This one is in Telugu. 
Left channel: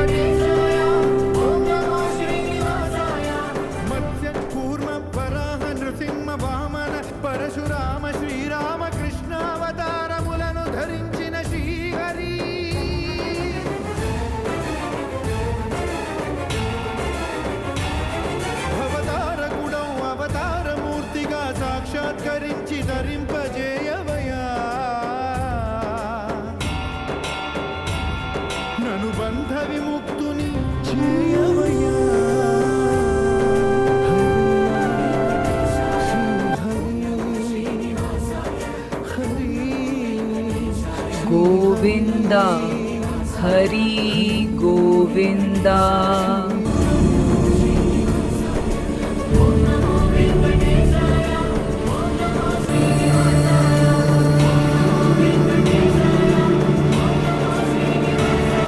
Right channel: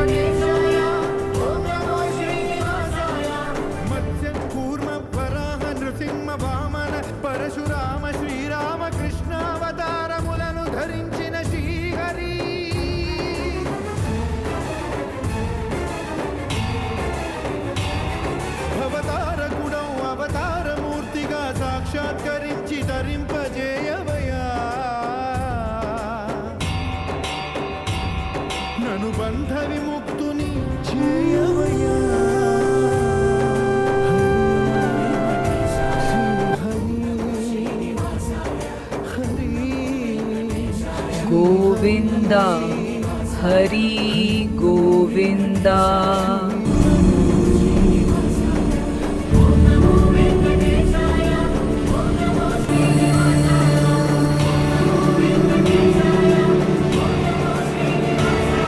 వెంకటేశాయ ఓం నమో శ్రీనివాసాయ మత్స్య కూర్మ వరాహ నృసింహ వామన పరశురామ శ్రీరామ కృష్ణావతారములను ధరించిన శ్రీహరి అవతారకుడౌ అవతారమూర్తిగా సాక్షాత్కరించి ధరింపజేయవయా నను బంధ విముక్తుని చేయవయా గోవింద హరి గోవింద